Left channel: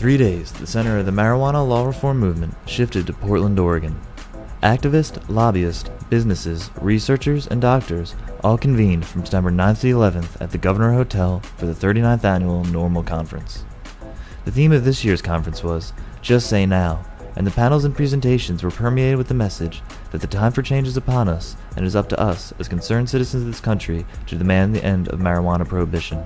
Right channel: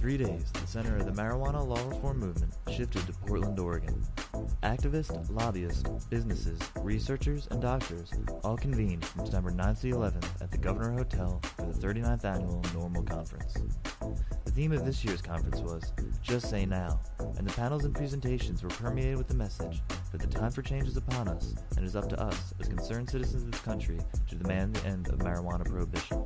3 days, the center of the marijuana law reform movement shifted to Portland, Oregon. Activists, lobbyists, businesses, researchers, and doctors all convened from September 9th to the 11th at the Governor Hotel for the 39th annual NORML Conference. The theme of this year's conference was Just Say Now, and the panels and presentations were permeated with the message that the time for change is upon us, and it is up to us, as concerned citizens of this country, to demand the end of marijuana prohibition.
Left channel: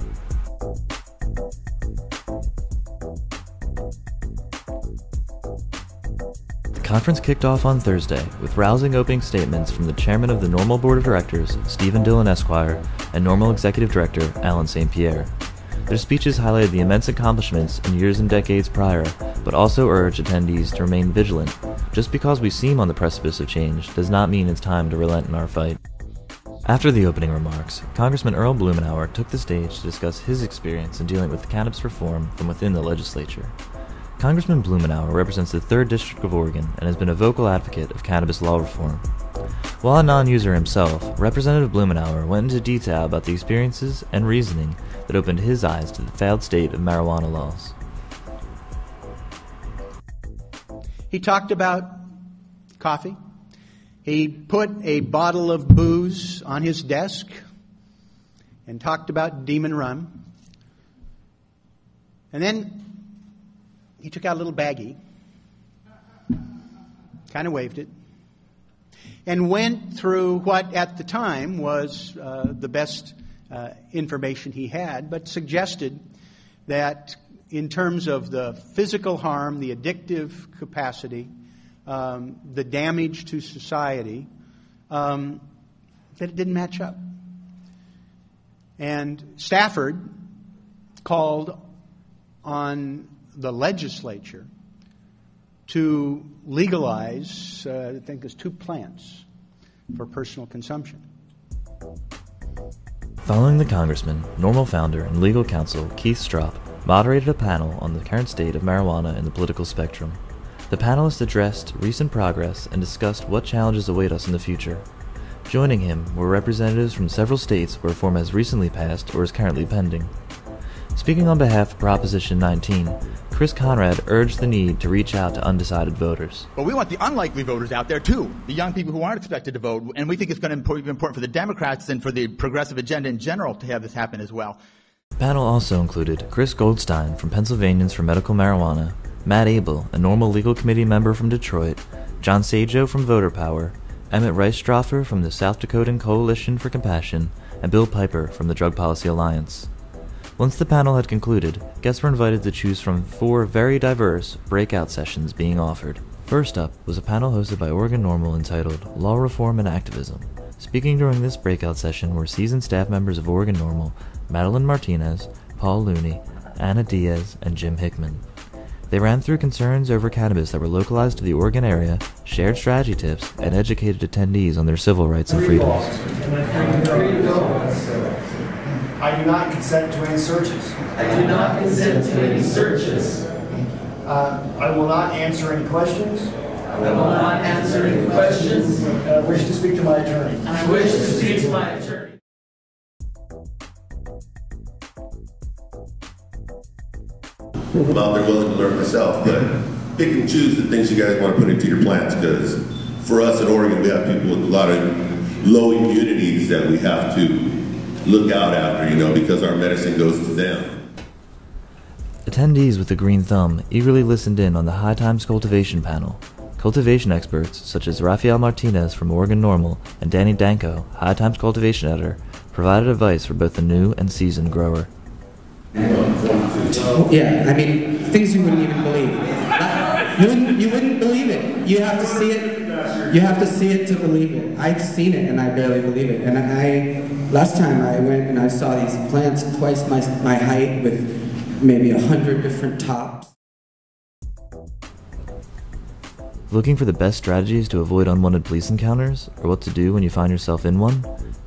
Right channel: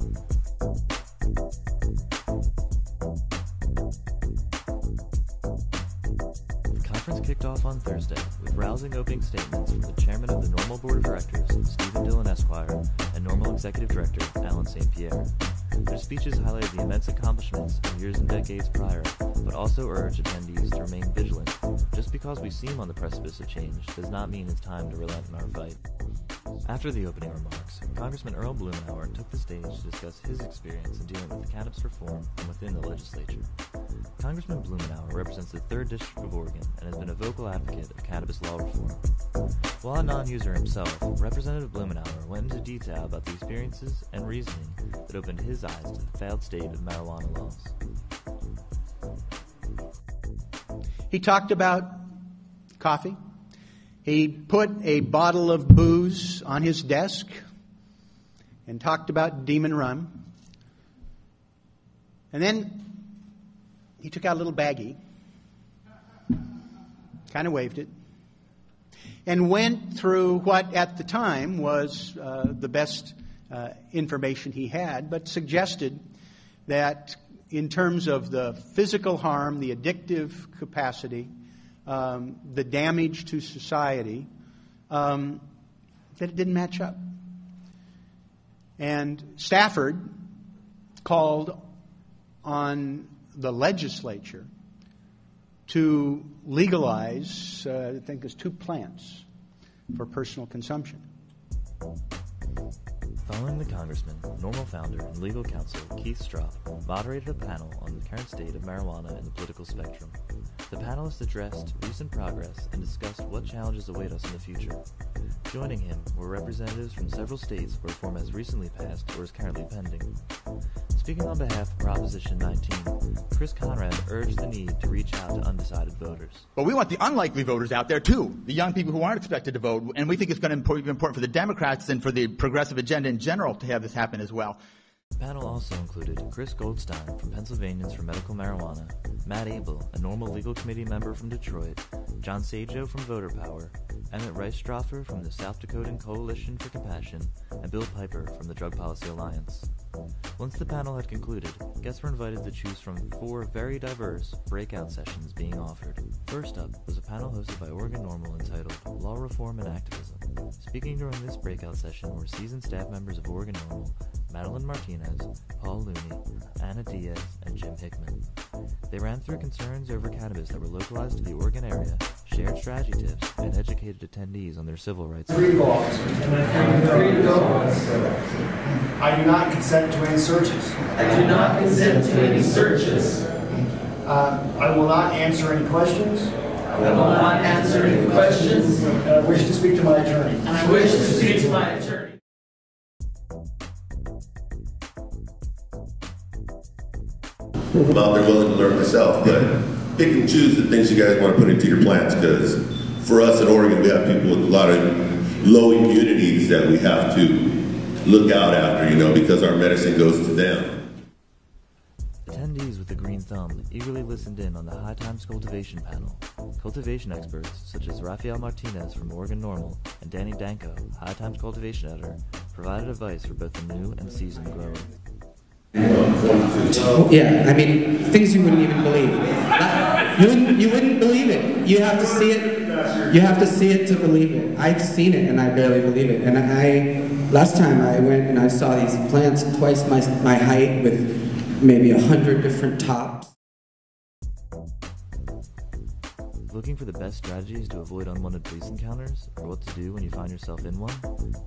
The conference kicked off on Thursday with rousing opening statements from the chairman of the NORML Board of Directors, Stephen Dillon Esquire, and NORML Executive Director, Alan St. Pierre. Their speeches highlighted the immense accomplishments in years and decades prior, but also urged attendees to remain vigilant. Just because we seem on the precipice of change does not mean it's time to relent in our fight. After the opening remarks, Congressman Earl Blumenauer took the stage to discuss his experience in dealing with cannabis reform from within the legislature. Congressman Blumenauer represents the 3rd District of Oregon and has been a vocal advocate of cannabis law reform. While a non-user himself, Representative Blumenauer went into detail about the experiences and reasoning that opened his eyes to the failed state of marijuana laws. He talked about coffee. He put a bottle of booze on his desk and talked about Demon Run. And then he took out a little baggie, kind of waved it, and went through what at the time was the best information he had, but suggested that in terms of the physical harm, the addictive capacity, the damage to society, that it didn't match up. And Stafford called on the legislature to legalize, I think it was 2 plants for personal consumption. Following the congressman, NORML founder and legal counsel Keith Stroup moderated a panel on the current state of marijuana in the political spectrum. The panelists addressed recent progress and discussed what challenges await us in the future. Joining him were representatives from several states where reform has recently passed or is currently pending. Speaking on behalf of Proposition 19, Chris Conrad urged the need to reach out to undecided voters. But we want the unlikely voters out there, too, the young people who aren't expected to vote, and we think it's going to be important for the Democrats and for the progressive agenda in general to have this happen as well. The panel also included Chris Goldstein from Pennsylvanians for Medical Marijuana, Matt Abel, a NORML Legal Committee member from Detroit, John Sajo from Voter Power, Emmett Rice-Stroffer from the South Dakotan Coalition for Compassion, and Bill Piper from the Drug Policy Alliance. Once the panel had concluded, guests were invited to choose from 4 very diverse breakout sessions being offered. First up was a panel hosted by Oregon NORML entitled Law Reform and Activism. Speaking during this breakout session were seasoned staff members of Oregon NORML, Madeline Martinez, Paul Looney, Anna Diaz, and Jim Hickman. They ran through concerns over cannabis that were localized to the Oregon area, shared strategy tips, and educated attendees on their civil rights and I do not consent to any searches. I do not consent to any searches. I will not answer any questions. I will not answer any questions. And I wish to speak to my attorney. And I wish to speak to my attorney. I'm out there willing to learn myself, but pick and choose the things you guys want to put into your plans, because for us in Oregon, we have people with a lot of low immunities that we have to look out after, because our medicine goes to them. Attendees with the green thumb eagerly listened in on the High Times Cultivation panel. Cultivation experts such as Rafael Martinez from Oregon NORML and Danny Danko, High Times Cultivation editor, provided advice for both the new and seasoned grower. Yeah, I mean, things you wouldn't even believe. You wouldn't believe it. You have to see it. You have to see it to believe it. I've seen it and I barely believe it. And last time I went and I saw these plants twice my height with maybe 100 different tops. Looking for the best strategies to avoid unwanted police encounters, or what to do when you find yourself in one?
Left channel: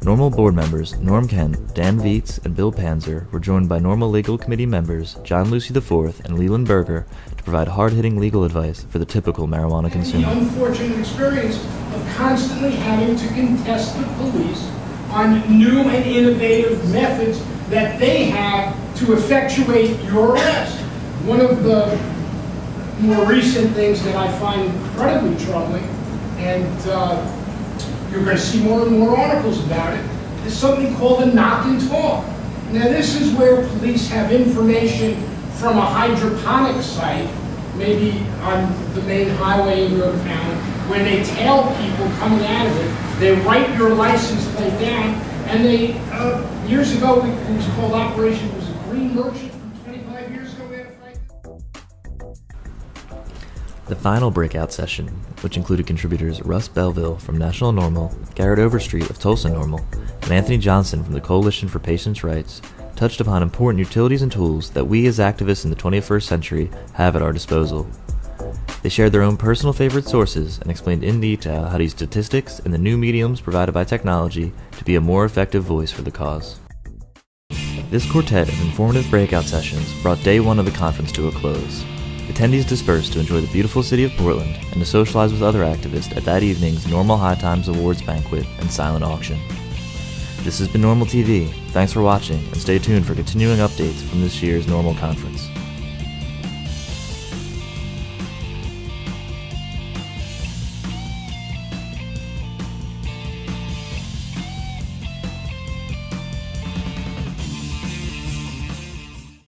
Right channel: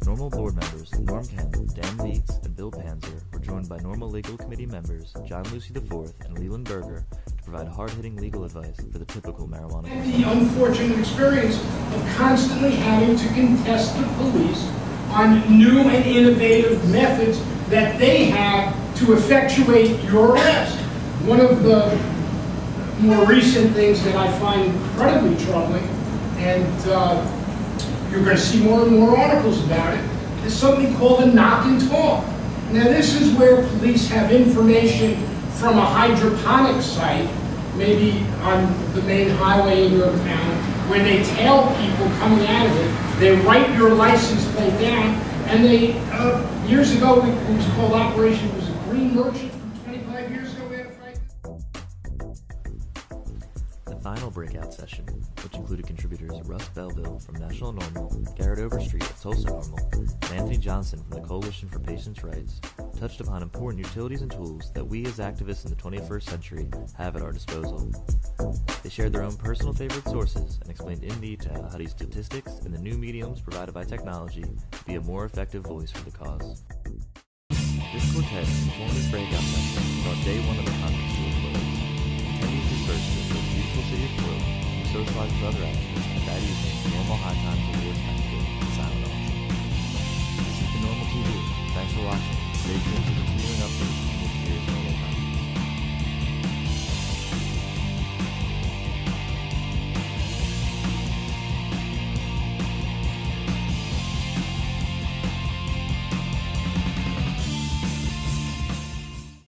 NORML board members Norm Ken, Dan Vietz, and Bill Panzer were joined by NORML Legal Committee members John Lucy IV and Leland Berger to provide hard-hitting legal advice for the typical marijuana consumer. The unfortunate experience of constantly having to contest the police on new and innovative methods that they have to effectuate your arrest. One of the more recent things that I find incredibly troubling, and you're going to see more and more articles about it, is something called a knock and talk. Now this is where police have information from a hydroponic site, maybe on the main highway in your town, where they tail people coming out of it. They write your license plate down, and they, years ago, it was called Operation, it was a Green Merchant from 25 years ago, we had a fight. The final breakout session, which included contributors Russ Belville from National NORML, Garrett Overstreet of Tulsa NORML, and Anthony Johnson from the Coalition for Patients' Rights, touched upon important utilities and tools that we as activists in the 21st century have at our disposal. They shared their own personal favorite sources and explained in detail how to use statistics and the new mediums provided by technology to be a more effective voice for the cause. This quartet of informative breakout sessions brought day one of the conference to a close. Attendees dispersed to enjoy the beautiful city of Portland and to socialize with other activists at that evening's NORML High Times Awards banquet and silent auction. This has been NORML TV. Thanks for watching, and stay tuned for continuing updates from this year's NORML Conference.